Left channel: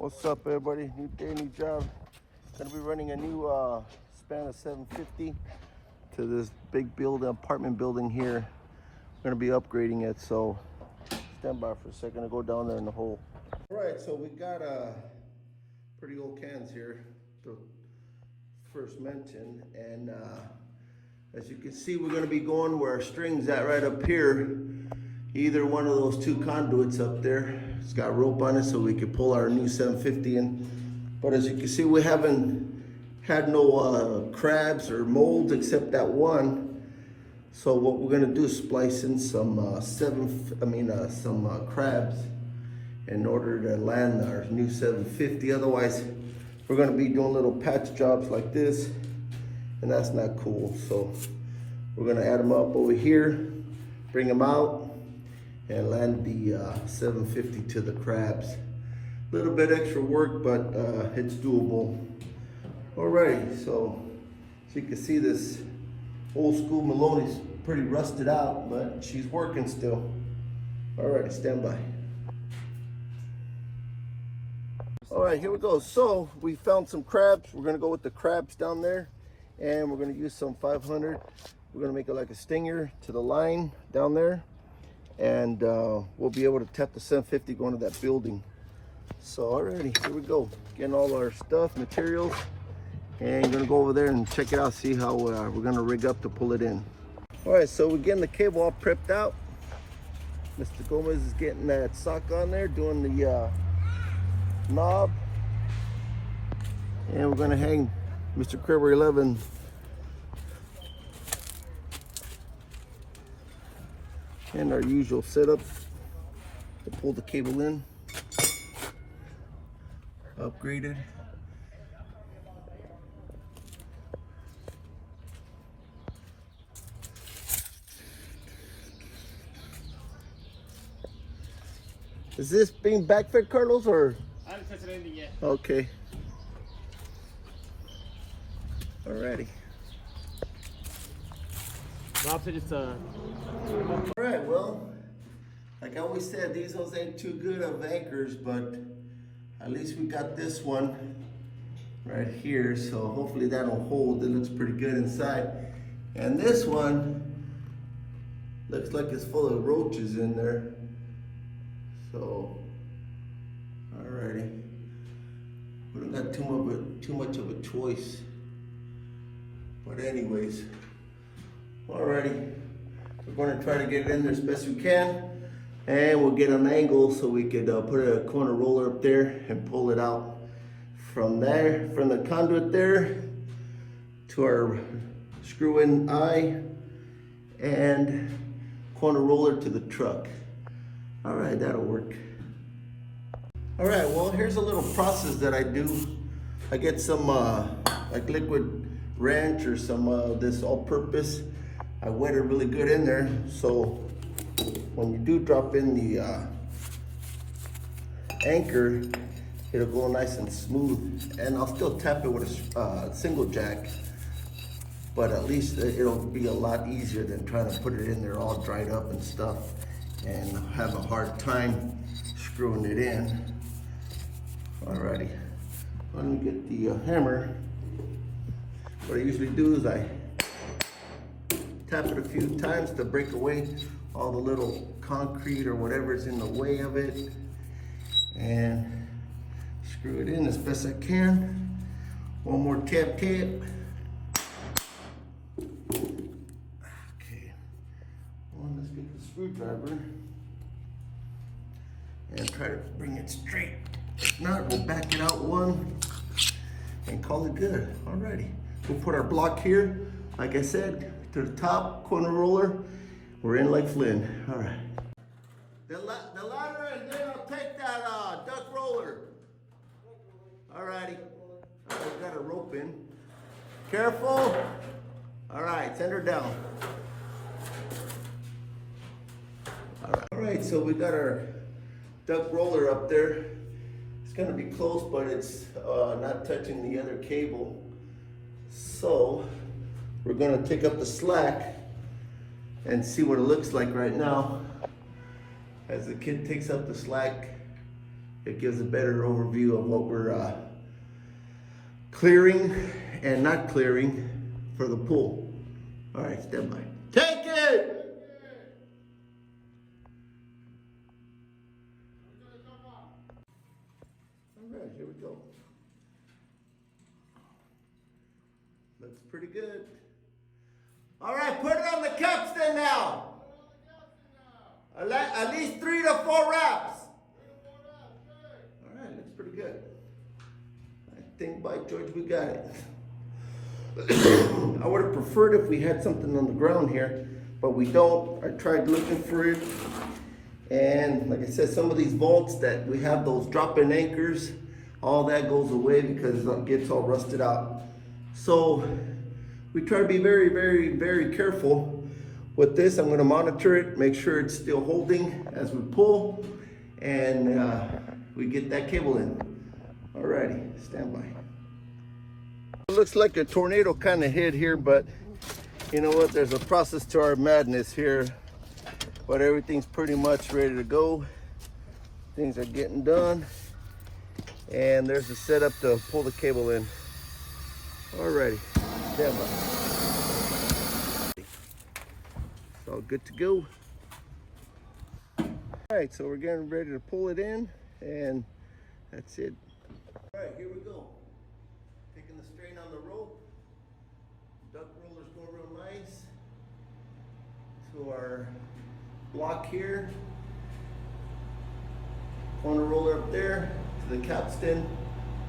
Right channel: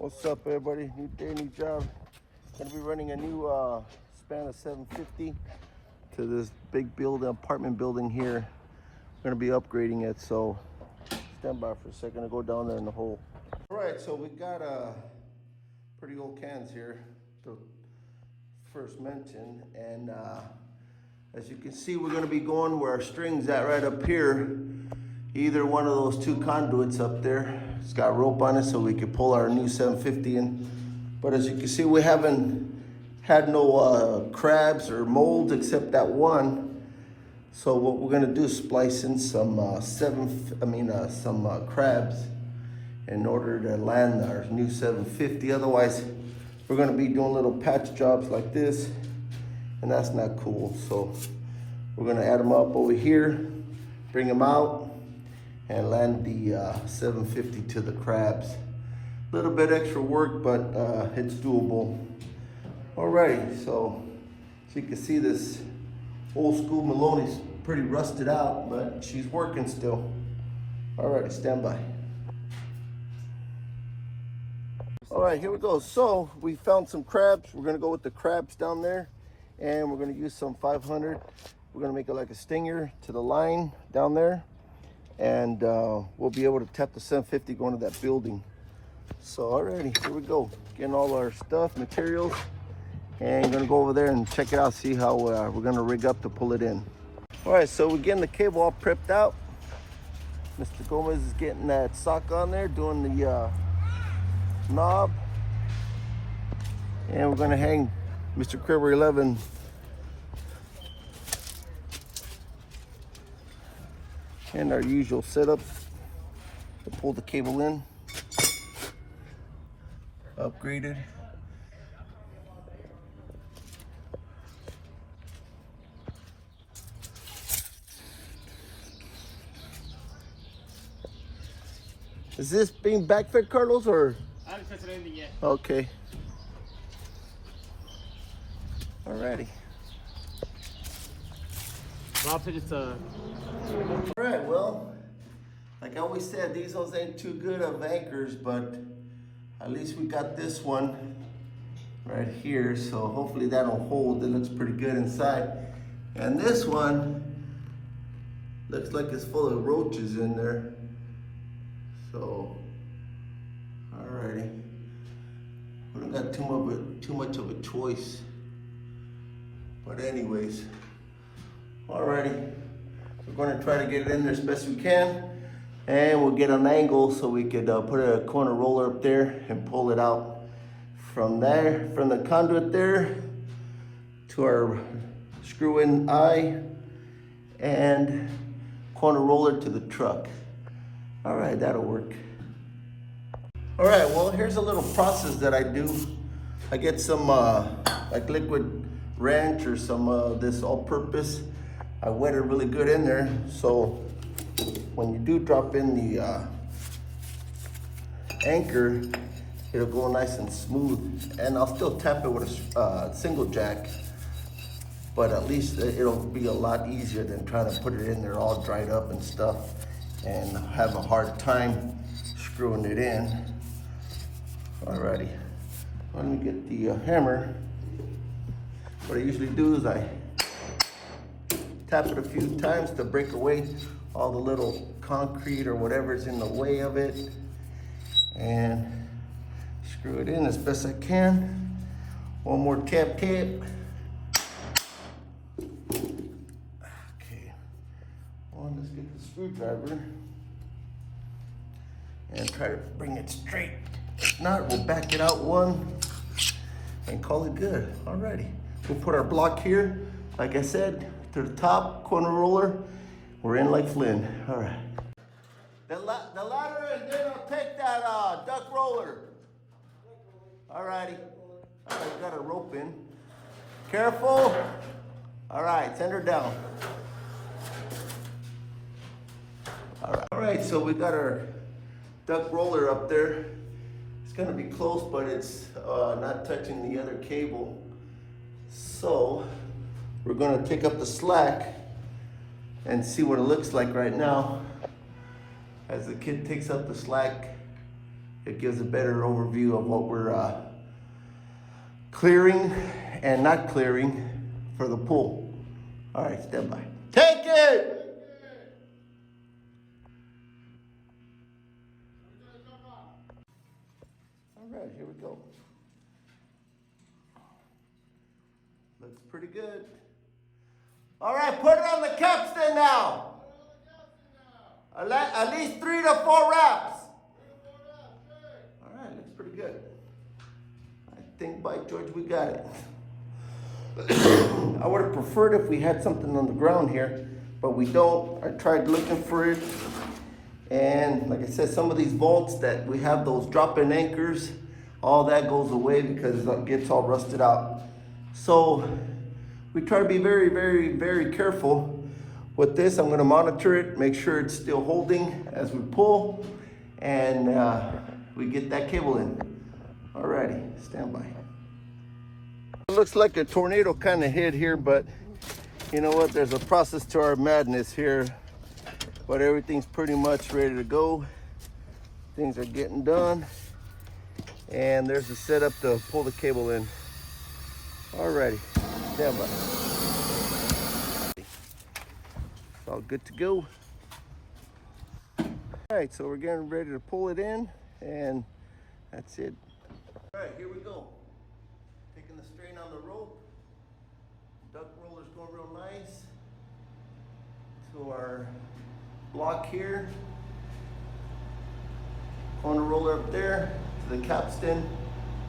What's up, everybody? Daily job. Gonna be running a new span of 750 to this big building, apartment building here. Gonna be upgrading it, so stand by for a second. I'll go down there in the hole. All right, so we got pretty old cans here, the first mentioned, and as you can see, we're gonna be going where our string's at right up here. Either one of those two conduits up there. It's got rope on it so we can pull our new 750 in. But as you can see, we haven't had no crabs or molds except that one. So what we're gonna do is splice in some crabs in order to land our new 750. Otherwise, we're gonna be doing little patch jobs like this, and that's not cool. So we're gonna add them up over here, bring them out, and land the 750 to the crabs. A little bit extra work, but it's doable. Alrighty, so as you can see, this old school Maloney's pretty rusted out, but she's working still. Alrighty, stand by. Alright, here we go. So we found some crabs. We're gonna go with the crabs down there, and we're gonna use some 500. We're gonna make it like a stinger to the line down there, and we'll be able to tap the 750 going to that building. So alrighty, here we go. Getting all our stuff, materials, and we're gonna go over there and check it out, see how we're gonna rig up to pull it in. Alright, so we're getting the cable all prepped out. Mr. Gomez is getting that sock on there, doing the knob. And we're gonna hang Mr. Kraber 11 and our usual setup to pull the cable in. Upgraded. Is this being backfed, Carlos, or? I haven't tested anything yet. Okay. Alrighty. Rob said it's Alright, well, like I always said, these ones ain't too good of anchors, but at least we got this one right here, so hopefully that'll hold. It looks pretty good inside. And this one looks like it's full of roaches in there. So, alrighty. We don't got too much of a choice. But anyways, alrighty. We're going to try to get it in there as best we can, and we'll get an angle so we could put a corner roller up there and pull it out from there, from the conduit there to our screw-in eye and corner roller to the truck. All right, that'll work. All right, well, here's a little process that I do. I get some like liquid ranch or some this all-purpose. I wet it really good in there, so when you do drop in the anchor, it'll go nice and smooth. And I'll still tap it with a single jack, but at least it'll be a lot easier than trying to put it in there all dried up and stuff and have a hard time screwing it in. Alrighty, let me get the hammer. What I usually do is I tap it a few times to break away all the little concrete or whatever's in the way of it, and screw it in as best I can. One more tap. Okay. Let's get the screwdriver and try to bring it straight. If not, we'll back it out one and call it good. Alrighty. We'll put our block here, like I said, to the top, corner roller. We're in like Flynn. All right. The ladder, and then I'll take that duck roller. All righty. I've got a rope in. Careful. All right, send her down. All right, so we got our duck roller up there. It's gonna be close, but it's not touching the other cable. So we're gonna take up the slack and see what it looks like right now. As the kid takes up the slack, It gives a better overview of what we're clearing and not clearing for the pull. All right, stand by. Take it! All right, here we go. Looks pretty good. All right, put it on the capstan now. At least 3 to 4 wraps. All right, looks pretty good. I think by George we got it. I would have preferred if we had something on the ground here, but we don't. I tried looking for it. And like I said, some of these bolts that we have, those drop-in anchors, all that goes away because it gets all rusted out. So we try to be very, very, very careful with this. I'm gonna monitor it, make sure it's still holding as we pull, and we get that cable in. Alrighty, stand by. It looks like a tornado kind of hit here, but you know what? There's a process to our madness here. But everything's pretty much ready to go. Things are getting done. And there's a setup to pull the cable in. Alrighty, stand by. It's all good to go. Alright, so we're getting ready to pull it in, and that's it. Alright, here we go. Taking the strain on the rope. Duck roller's going real nice. To our block here. Corner roller up there to the capstan.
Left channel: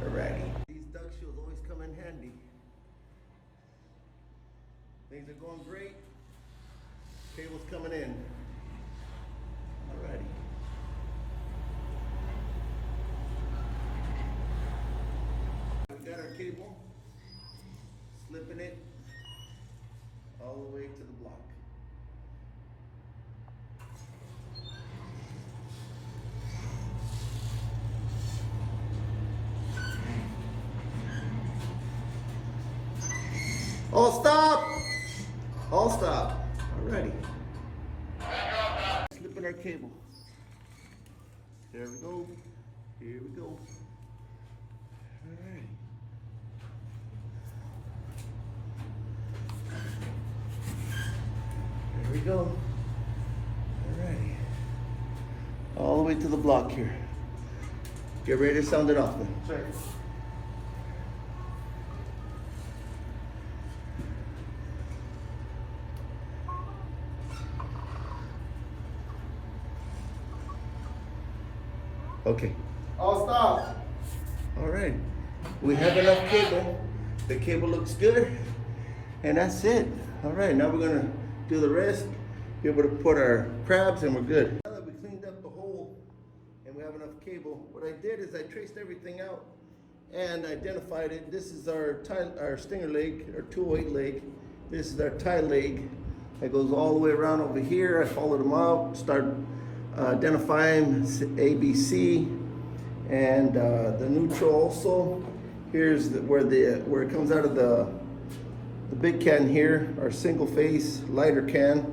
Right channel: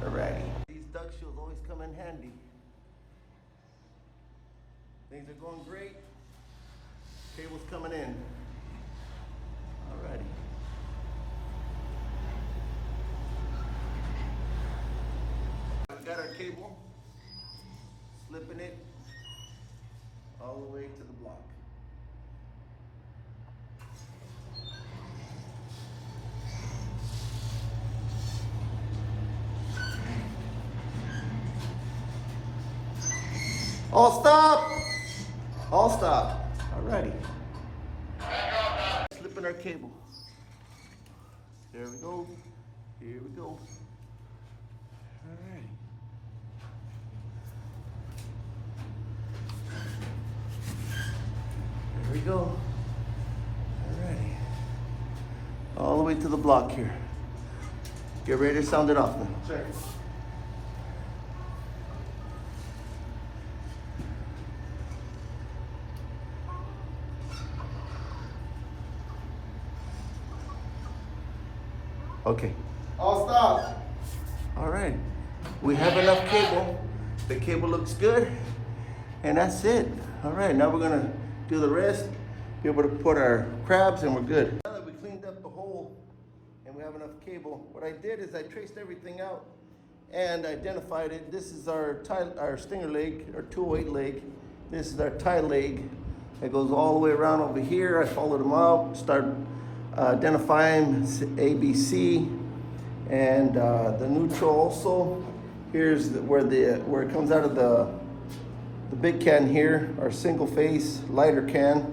Alrighty. These duck shields always come in handy. Things are going great. Cable's coming in. Alrighty. We got our cable. Slipping it all the way to the block. All stop! All stop. Alrighty. Slipping our cable. There we go. Here we go. Alright. There we go. Alright. All the way to the block here. Get ready to sound it off now. Check. Okay. All stop. All right. We have enough cable. The cable looks good. And that's it. All right. Now we're going to do the rest. Be able to put our crabs and we're good. Now that we cleaned up the hole and we have enough cable, what I did is I traced everything out and identified it. This is our stinger leg, our 208 leg. This is our tie leg. It goes all the way around over here. I followed them out, start identifying ABC, and the neutral also. Here's where it comes out of the big can here, our single phase lighter can,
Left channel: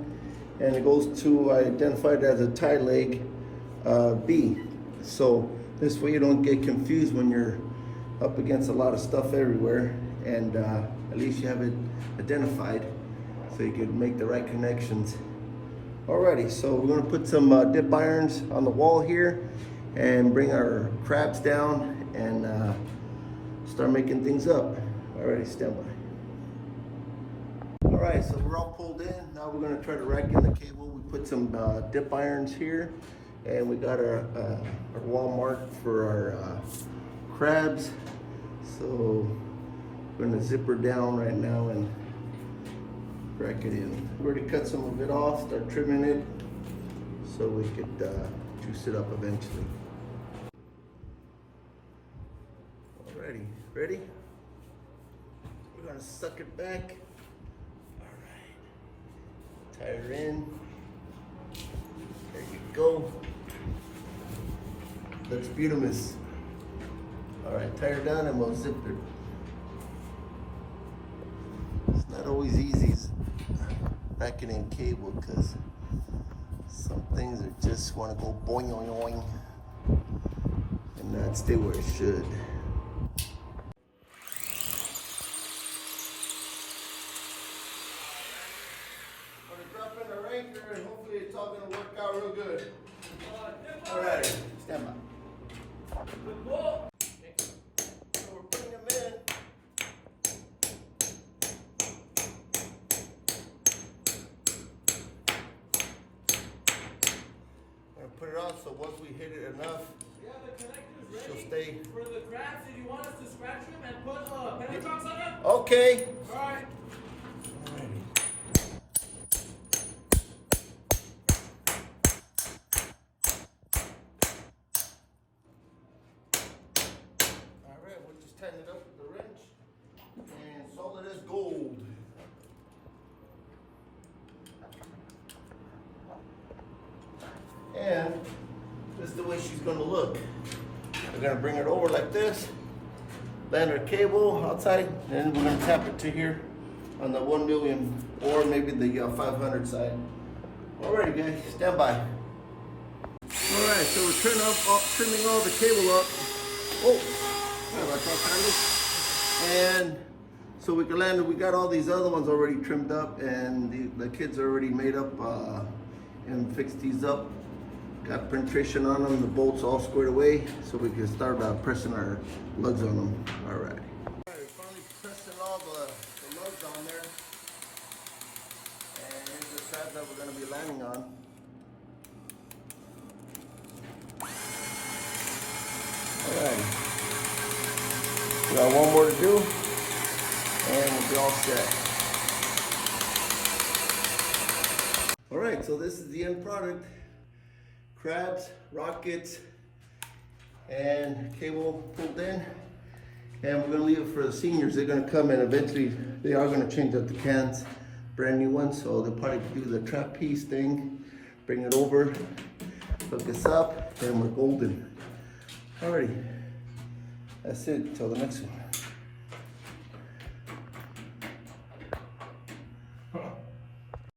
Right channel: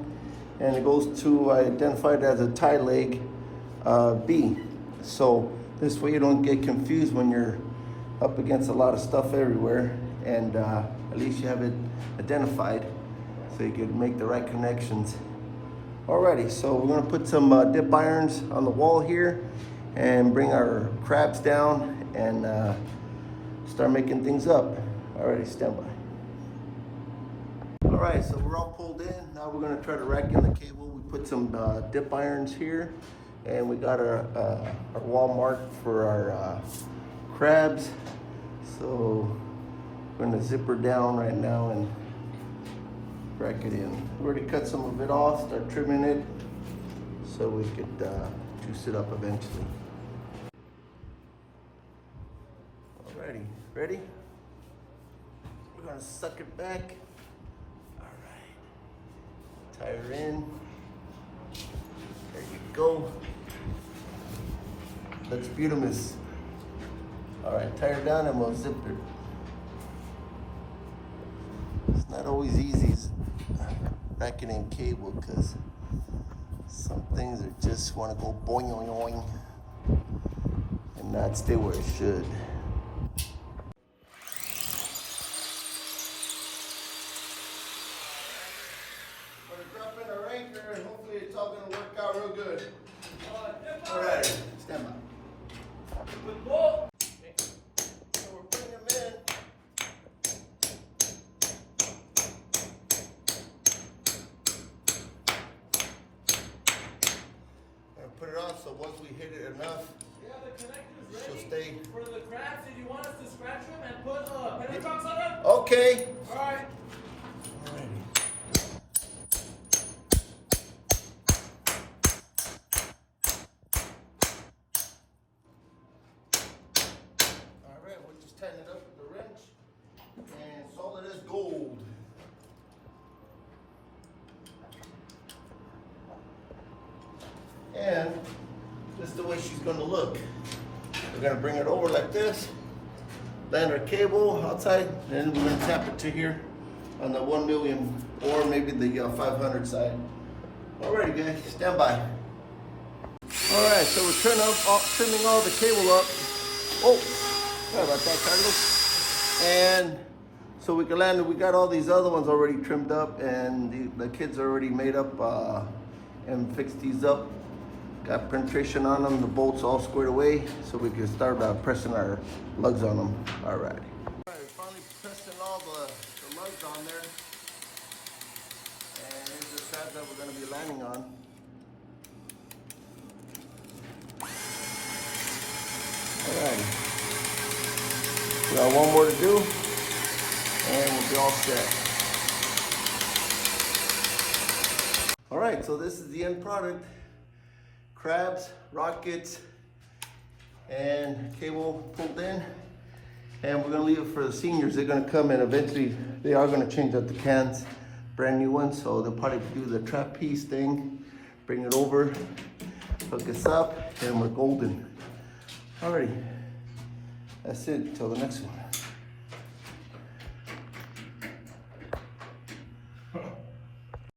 and it goes to identified as a tie leg B. So this way you don't get confused when you're up against a lot of stuff everywhere, and at least you have it identified so you can make the right connections. Alrighty, so we're gonna put some dip irons on the wall here and bring our crabs down and start making things up. Alrighty, stand by. Alright, so we're all pulled in. Now we're gonna try to rack in the cable. We put some dip irons here, and we got our wall marked for our crabs. So we're gonna zip her down right now and rack it in. We already cut some of it off, start trimming it so we could juice it up eventually. Alrighty, ready? We're gonna suck it back. Alright, tie her in. There you go. Looks beautiful. Alright, tie her down and we'll zip her. It's not always easy backing in cable because some things are just want to go boing boing. and not stay where it should. We're dropping our anchor and hopefully it's all gonna work out real good. All right, stand by. So we're putting them in. Put it on so once we hit it enough, she'll stay. For the crabs, if you want us to scratch them and put pentox on them? Okay. Alright. Alright, we'll just tighten it up with the wrench. And solid as gold. And this is the way she's gonna look. We're gonna bring it over like this, land our cable outside, then we're gonna tap it to here on the 1 million or maybe the 500 side. Alrighty guys, stand by. Alright, so we're trimming all the cable up. Oh, sorry about that, Carlos. And so we can land it. We got all these other ones already trimmed up and the kids already made up and fixed these up. Got penetration on them, the bolts all squared away, so we can start pressing our lugs on them. All right. All right, finally pressing all the lugs on there. And here's the side that we're gonna be landing on. All right. We got one more to do, and we'll be all set. All right, so this is the end product. Crabs, rockets, and cable pulled in. And we're gonna leave it for the seniors. They're gonna come and eventually they are gonna change out the cans, brand new ones. So they'll probably do the trapeze thing, bring it over, hook us up, and we're golden. Alrighty, that's it, till the next one.